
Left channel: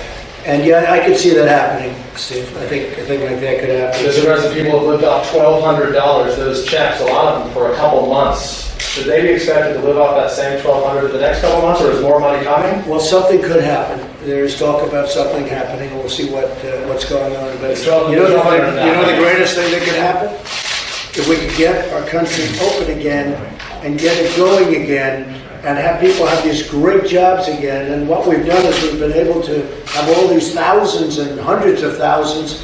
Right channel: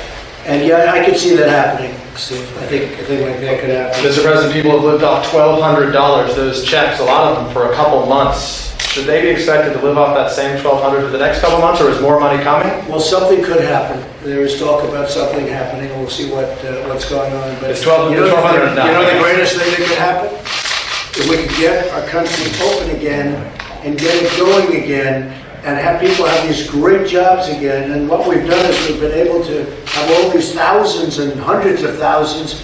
And yeah, I could see that happening, Steve. I think a thing like that could happen. Mr. President, people have lived off $1,200, those checks, a lot of them for a couple months. Should they be expected to live off that same $1,200 for the next couple months, or is more money coming? Well, something could happen. There is talk about something happening, and we'll see what's going on. But It's 1200 now. the greatest thing that could happen? If we could get our country open again and get it going again and have people have these great jobs again. And what we've done is we've been able to have all these thousands and hundreds of thousands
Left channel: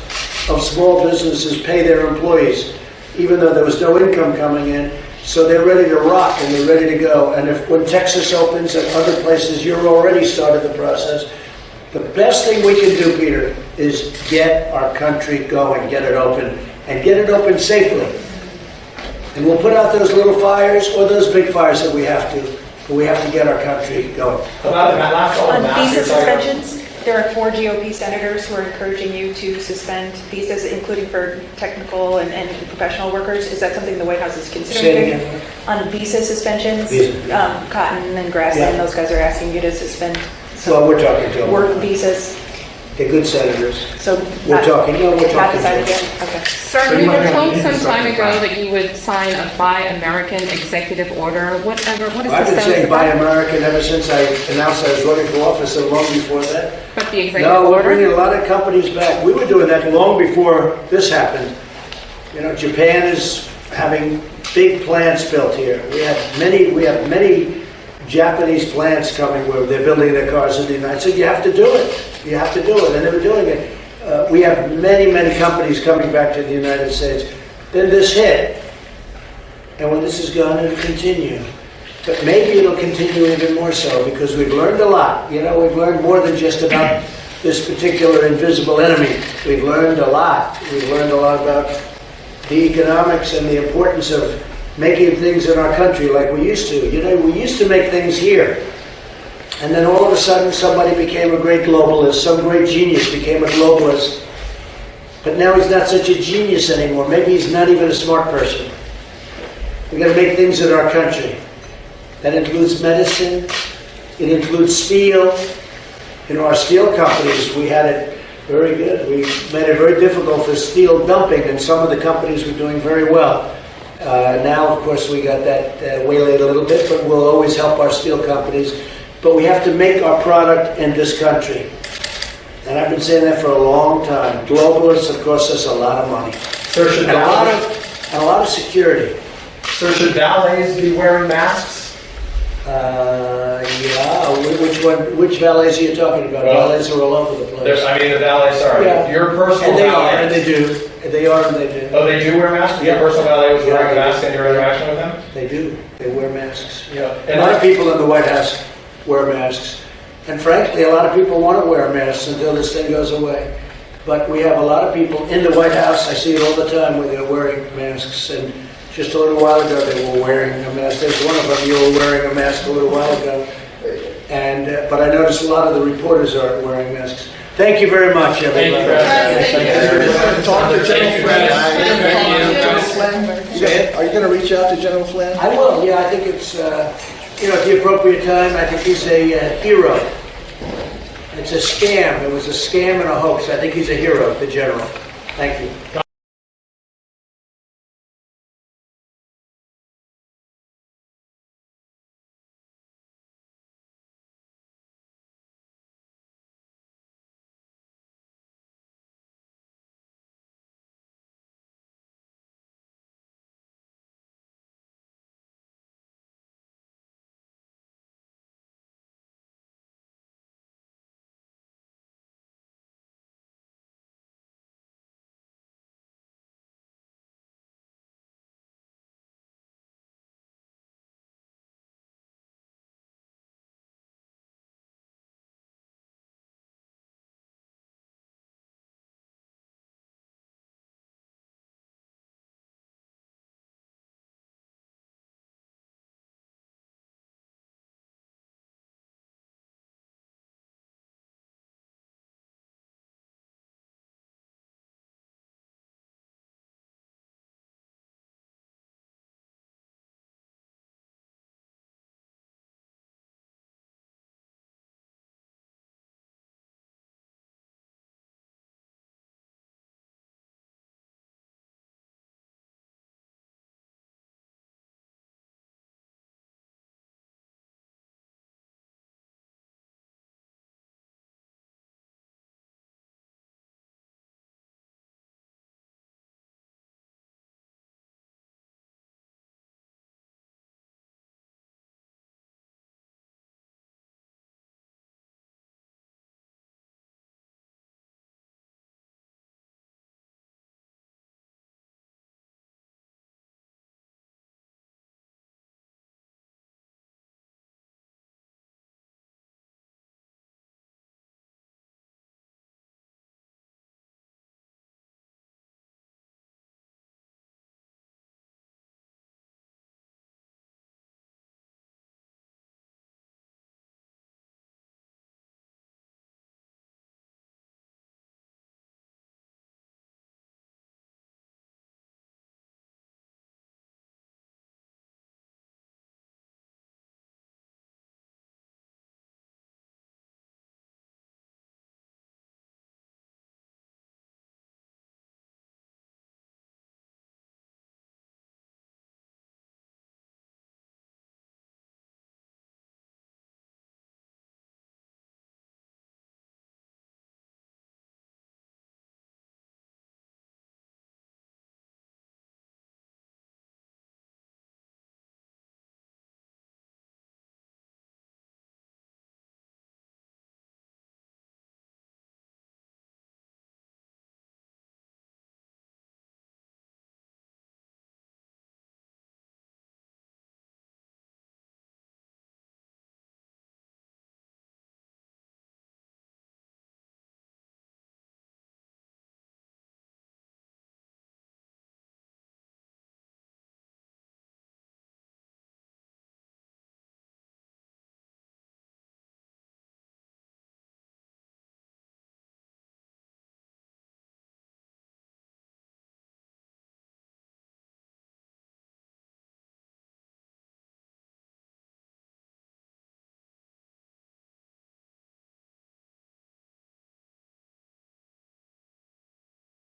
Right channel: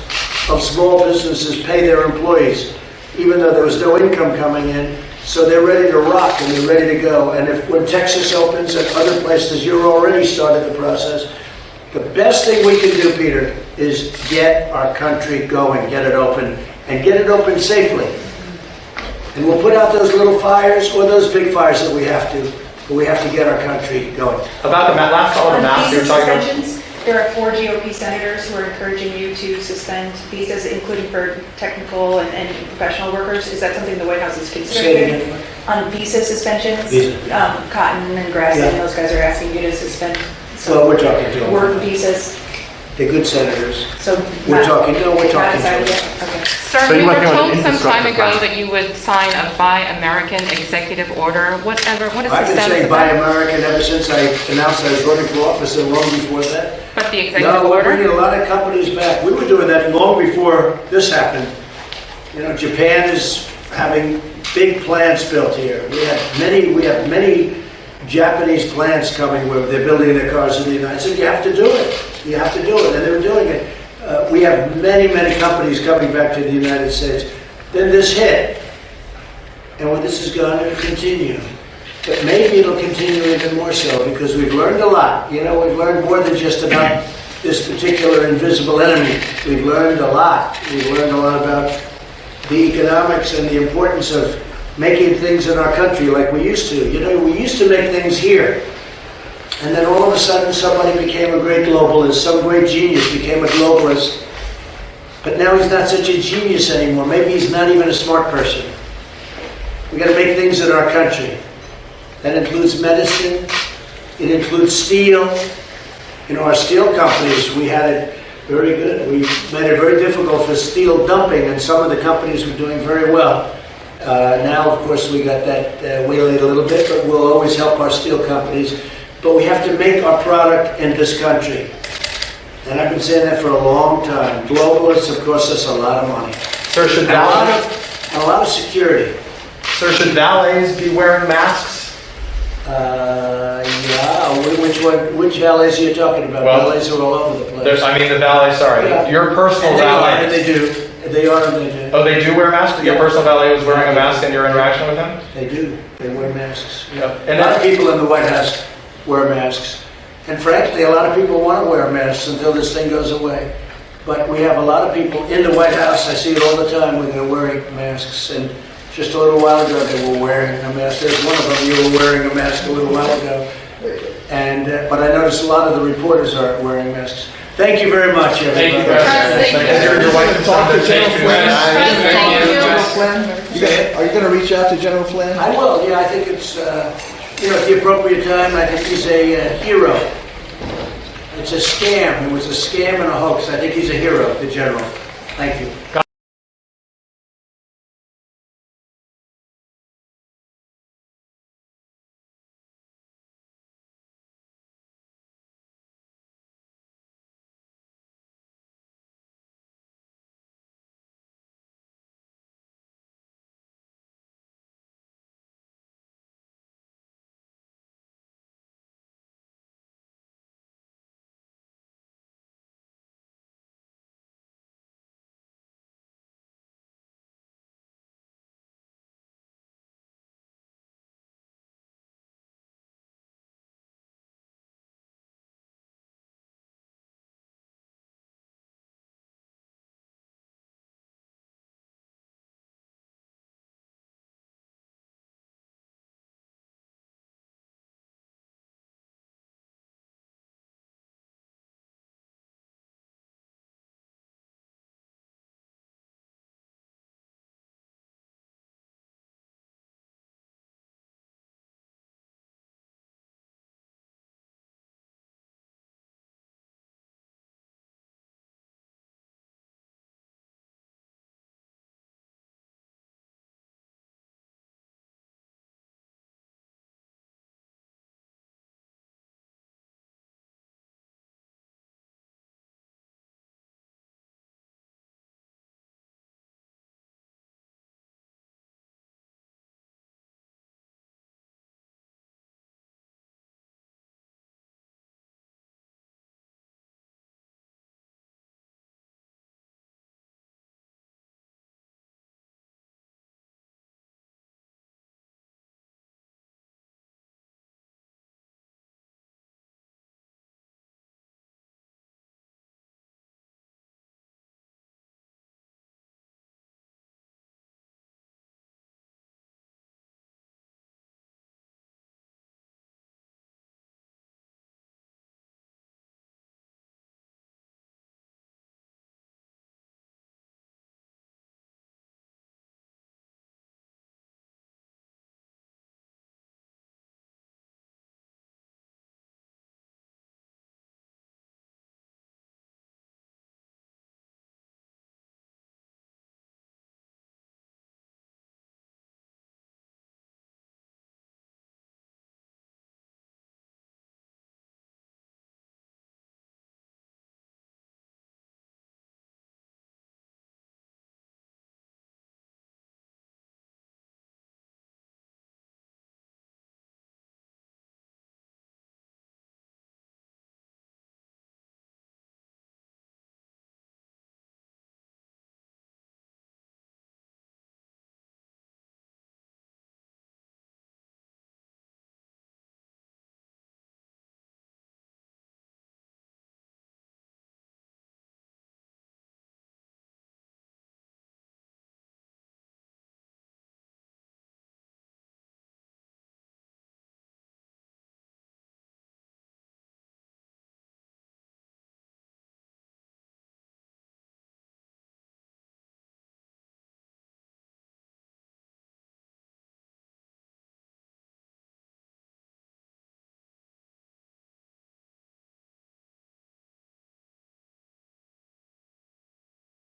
of small businesses pay their employees, even though there was no income coming in. So they're ready to rock and they're ready to go. And when Texas opens and other places, you're already started the process. The best thing we can do, Peter, is get our country going, get it open, and get it open safely. And we'll put out those little fires or those big fires that we have to, but we have to get our country going. About the last fall of mass, you were visa talking about. suspensions, there are 4 GOP senators who are encouraging you to suspend visas, including for technical and professional workers. Is that something the White House is considering? Say it again, what? On visa suspensions, Visa, yeah. Cotton and Grass, Yeah. and those guys are asking you to suspend Well, we're talking to them. work about it. visas. They're good senators. So We're talking to them. Okay. Sir, So you you were might be on told the some time infrastructure ago plan. that you would sign a Buy American executive order. What is I've the been status? saying Buy American ever since I announced I was running for office and long before that. But the executive No, we're order- bringing a lot of companies back. We were doing that long before this happened. Japan is having big plants built here. We have many Japanese plants coming where they're building their cars in the United States. You have to do it. You have to do it, and they were doing it. We have many companies coming back to the United States. Then this hit, and when this is gone, it'll continue. But maybe it'll continue even more so because we've learned a lot. We've learned more than just about this particular invisible enemy. We've learned a lot. We've learned a lot about the economics and the importance of making things in our country like we used to. We used to make things here. And then all of a sudden somebody became a great globalist. Some great genius became a globalist. But now he's not such a genius anymore. Maybe he's not even a smart person. We got to make things in our country. That includes medicine. It includes steel. Our steel companies, we had it very good. We made it very difficult for steel dumping, and some of the companies were doing very well. Now, of course, we got that waylaid a little bit, but we'll always help our steel companies. But we have to make our product in this country. And I've been saying that for a long time. Globalists have cost us a lot of money. Sir, should And a lot valets, of security. sir, should valets be wearing masks? Yeah, which valets are you talking about? Well, Valets are all over the place. I mean, the valet, sorry, Yeah. your personal And they valet. are, and they do. They are, and they do. Oh, they do wear masks? Yeah. Your personal valet was Yeah, wearing they a mask do. in your interaction with him? They do. They wear masks, yeah. And A lot of people in the White House wear masks. And frankly, a lot of people want to wear masks until this thing goes away. But we have a lot of people in the White House, I see it all the time, where they're wearing masks. And just a little while ago, they were wearing a mask. There's one of them, you were wearing a mask a little while ago. And, but I noticed a lot of the reporters aren't wearing masks. Thank you very much, everybody. Thank you. Is your wife and son there too? Say it? Are you going to reach out to General Flynn? I will, yeah, I think it's, at the appropriate time, I think he's a hero. It's a scam. It was a scam and a hoax. I think he's a hero, the general. Thank you.